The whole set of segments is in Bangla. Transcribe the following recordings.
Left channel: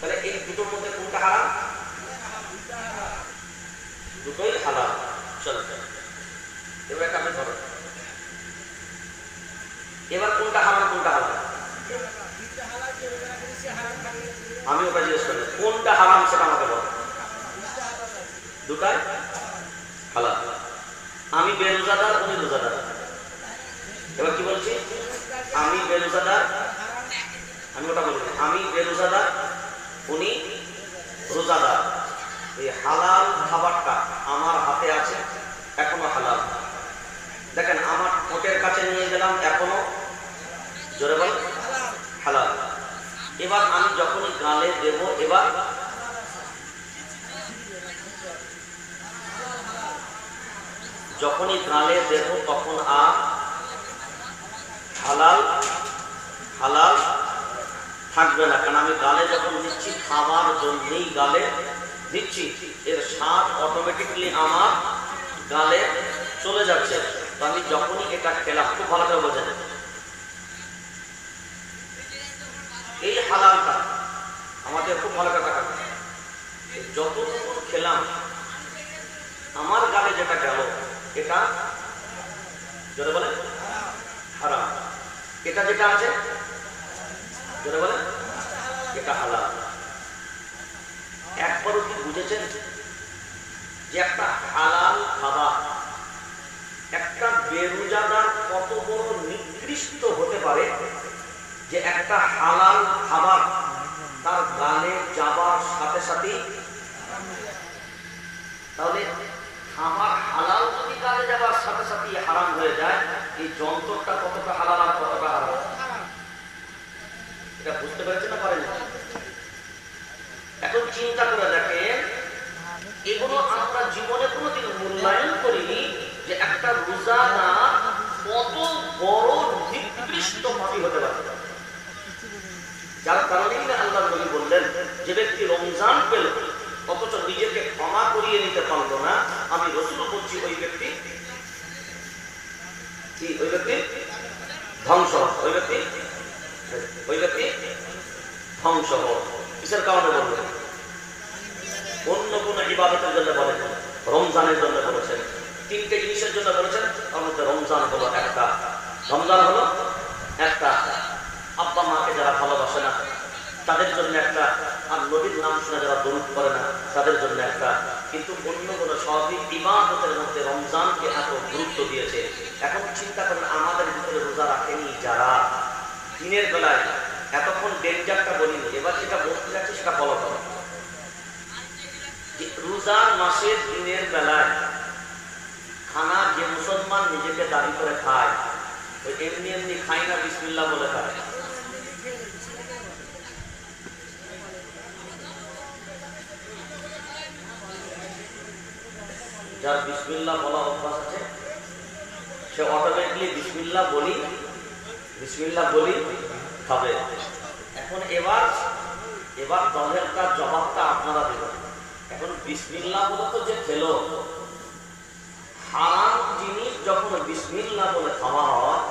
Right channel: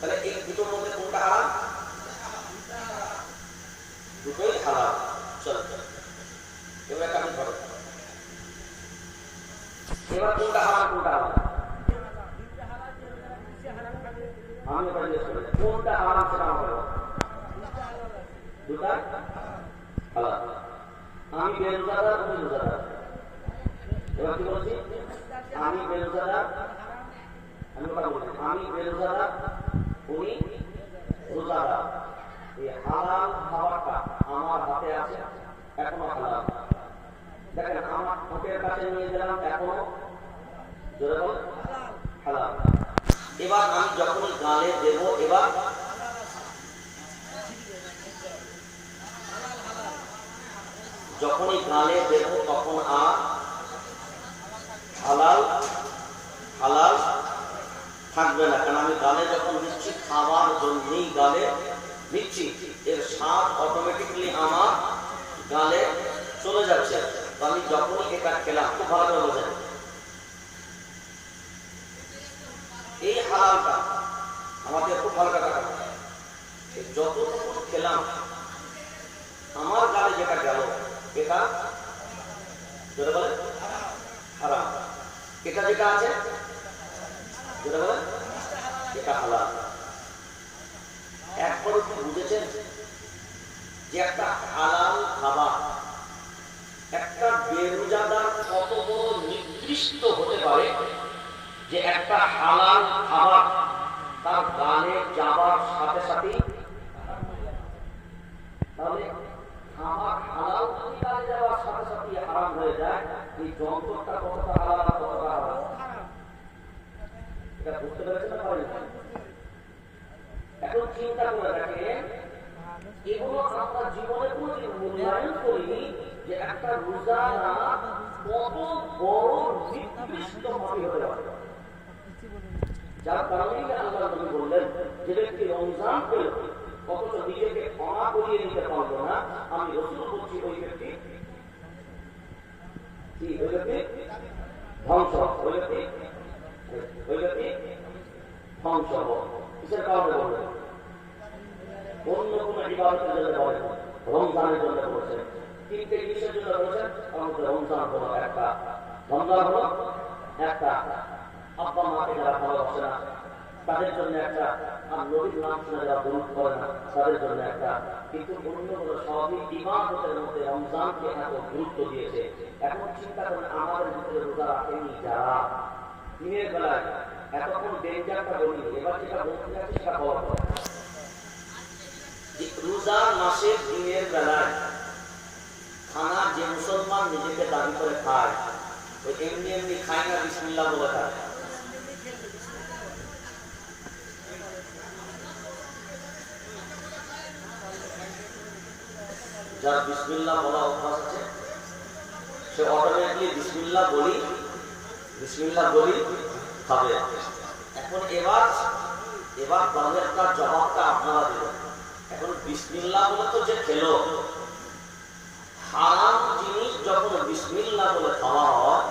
তাহলে এই দুটোর মধ্যে কোনটা হারাম? দুটোই হালাল। চলো এবার একটা আপনি ধরেন, এবার কোনটা হারাম কোনটা হালাল? আমি ওটা জিজ্ঞেস করি কোনটা হারাম সেটা আমাকে বল। দুটাই হালাল। আমি বেরোজাদার, উনি রোজাদার। এবার কি বলছি? আমি বেরোজাদার, আমি ওটা বলি আমি বেরোজাদার, উনি রোজাদার। এই হালাল খাবারটা আমার হাতে আছে, এখনো হালাল। দেখেন আমার ঠোঁটের কাছে নিয়ে গেলাম, এখনো জোরে বল হালাল। এবার আমি যখনই গালে দেব, এবার যখনই গালে দেব তখন আর হালাল হালাল থাকবে না। কারণ আমি গালে যখন দিচ্ছি খাবার জন্যই গালে দিচ্ছি, এর স্বাদ অটোমেটিকলি আমার গালে চলে যাচ্ছে। তো আমি যখনই এটা খেলাম, খুব ভালো করে বোঝেন, এই হালালটা আমাদের খুব ভালো কথা কাটে, যতটুকু খেলাম আমার গালে যেটা গেল এটা যেটা বলে হারাম, এটা যেটা আছে যেটা বলে এটা হালাল। একবারও কি বুঝেছেন যে একটা হালাল খাবার একটা বেরোজাদার কত বড় নিকৃষ্ট হতে পারে, যে একটা হালাল খাবার তার গালে যাবার সাথে সাথেই, তাহলে খাবার হালাল যদি গালে যাবার সাথে সাথেই হারাম হয়ে যায়, এই যন্ত্রটা কতটা হালাল আর কতটা হারাম, এটা বুঝতে পেরেছেন না পারেন? এখন চিন্তা করে দেখেন, এগুলো আমরা জীবনে কোনোদিন মূল্যায়ন করিনি যে একটা রোজাদার কত বড় নিকৃষ্ট পাপী হতে পারে। যার কারণেই না আল্লাহ নবী বললেন, যে ব্যক্তি রমজান পেল অথচ নিজেকে ক্ষমা করিয়ে নিতে পারলো না, আমি রাসূল বলছি ওই ব্যক্তি কি, ওই ব্যক্তি ধ্বংস, ওই ব্যক্তি ধ্বংস। কিসের কারণে বললেন? অন্য কোন ইবাদতের জন্য বলেন, রমজানের জন্য বলেছেন। তিনটে জিনিসের জন্য বলেছেন, তার মধ্যে রমজান হলো একটা। রমজান হলো একটা, আব্বা মাকে যারা ভালোবাসে না তাদের জন্য একটা, আর নবীর নাম শুনে যারা দরুদ করে না তাদের জন্য একটা। কিন্তু অন্যগুলো সবই ইবাদতের মধ্যে রমজানকে এত গুরুত্ব দিয়েছে। এখন চিন্তা করেন, আমাদের ভিতরে রোজা রাখেনি যারা, দিনের বেলায় এতক্ষণ ডেঞ্জারটা বলিনি, এবার যেটা বলতে যাচ্ছে সেটা ফলো করো। রোজার মাসের দিনের বেলায় খানা যে মুসলমান নিজেকে দাবি করে খায়, এমনি এমনি খায় না, বিসমিল্লাহ বলে খায়। যার বিসমিল্লাহ বলা অভ্যাস আছে সে অটোমেটিকলি বিসমিল্লাহ বলি খাবে। এখন এবার দলেরটা জবাবটা আপনারা দেবেন। এখন বিসমিল্লাহ বলে তো যে খেলো, হারাম জিনিস যখন বিসমিল্লাহ বলে খাওয়া হয়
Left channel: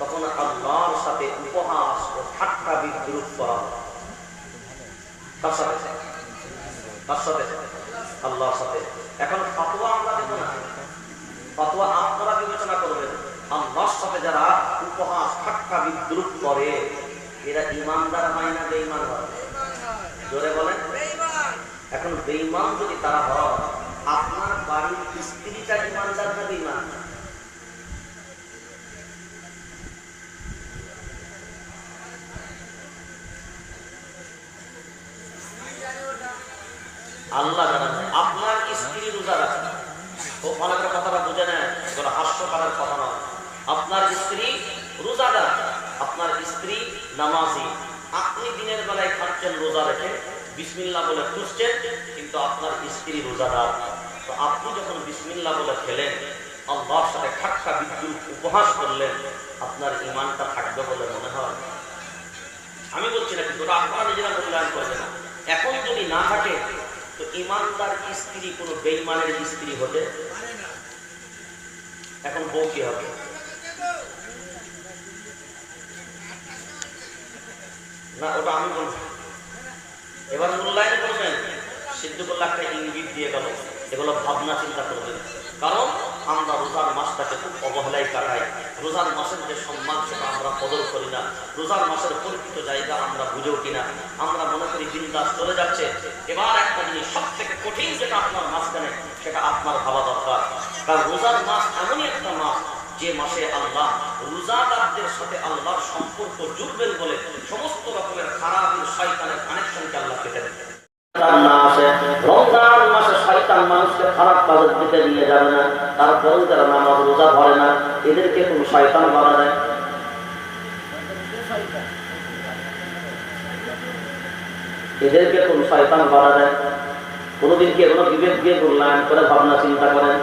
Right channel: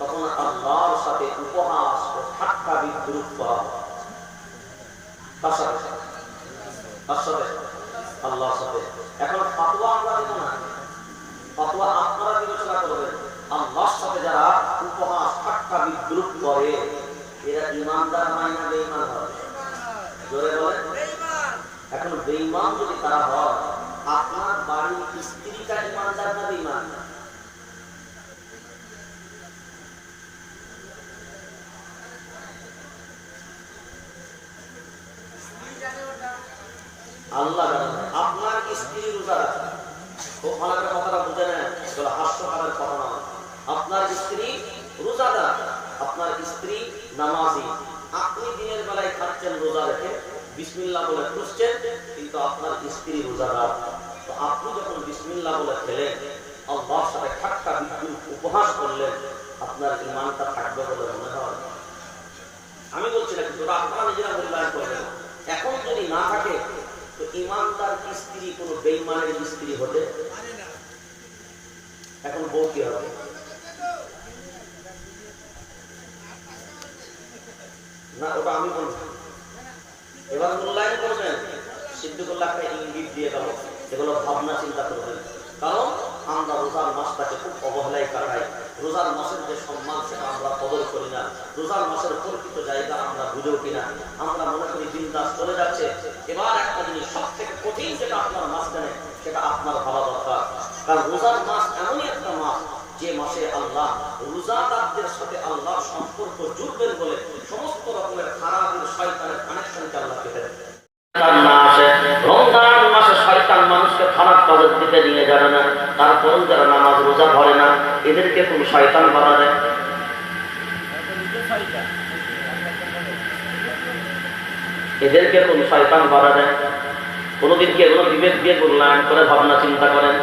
তখন আল্লাহর সাথে উপহাস ও ঠাট্টা বিদ্রুপ করা হয়। তার সাথে আল্লাহর সাথে। এখন ফাতোয়া আমরা দেব না, ফাতোয়া আপনারা বিবেচনা করবেন। আল্লাহর সাথে যারা উপহাস ঠাট্টা বিদ্রুপ করে এরা ইমানদার হয় না বেঈমান হয়? জোরে বলেন। এখন বেঈমান যদি তারা হয়, আপনার বাড়ির স্ত্রীটা ইমানদার না বেঈমান? আল্লাহ জানেন। আপনার স্ত্রী রোজা রাখে, অনেকের কথাটা বুঝে নেয়, হাস্যকারের কথা নয়। আপনার স্ত্রী রোজাদার, আপনার স্ত্রী নামাজি, আপনি দিনের বেলায় খাচ্ছেন রোজা রেখে, বিসমিল্লাহ বলে খুঁজছেন, কিন্তু আপনার স্ত্রী রোজাদার। তো আপনি যখন বিসমিল্লাহ বলে খেলেন, আল্লাহর সাথে ঠাট্টা বিদ্রুপ উপহাস করলেন, আপনার ঈমানটা থাকবে বলে মনে হয়? আমি বলছি না, কিন্তু আপনারা নিজেরা মূল্যায়ন করবেন। এখন যদি না থাকে তো ইমানদার স্ত্রী কোন বেঈমানের স্ত্রী হতে, এখন বউ কি হবে? না, ওটা আমি বলছি। এবার মূল্যায়ন করবেন। সিদ্দিকুল্লাহ একটা ইঙ্গিত দিয়ে গেল, এগুলো ভাবনা চিন্তা করবেন। কারণ আমরা রোজার মাসটাকে খুব অবহেলায় কাটাই। রোজার মাসের যে সম্মান সেটা আমরা কদর করি না। রোজার মাসের পরিচিত জায়গা আমরা বুঝেও কিনা। আমরা মনে করি দিনদাস চলে যাচ্ছে। এবার একটা জিনিস সব থেকে কঠিন যেটা আপনার মাঝখানে, সেটা আপনার ভাবা দরকার। কারণ রোজার মাস এমনই একটা মাস যে মাসে আল্লাহ রোজাদারদের সাথে আল্লাহর সম্পর্ক জুড়বেন বলে সমস্ত রকমের খারাপ শয়তানের কানেকশনকে আল্লাহ কেটে দেন। রমজান মাসে শয়তান মানুষকে খারাপ কাজের দিকে নিয়ে যাবে না। তারপরেও যারা নামাজ রোজা ধরে না, এদেরকে কোন শয়তান বাধা দেয়? এদেরকে কোন শয়তান বাধা দেয়? কোনদিন কি এগুলো বিবেক দিয়ে মূল্যায়ন করে ভাবনা চিন্তা করেন?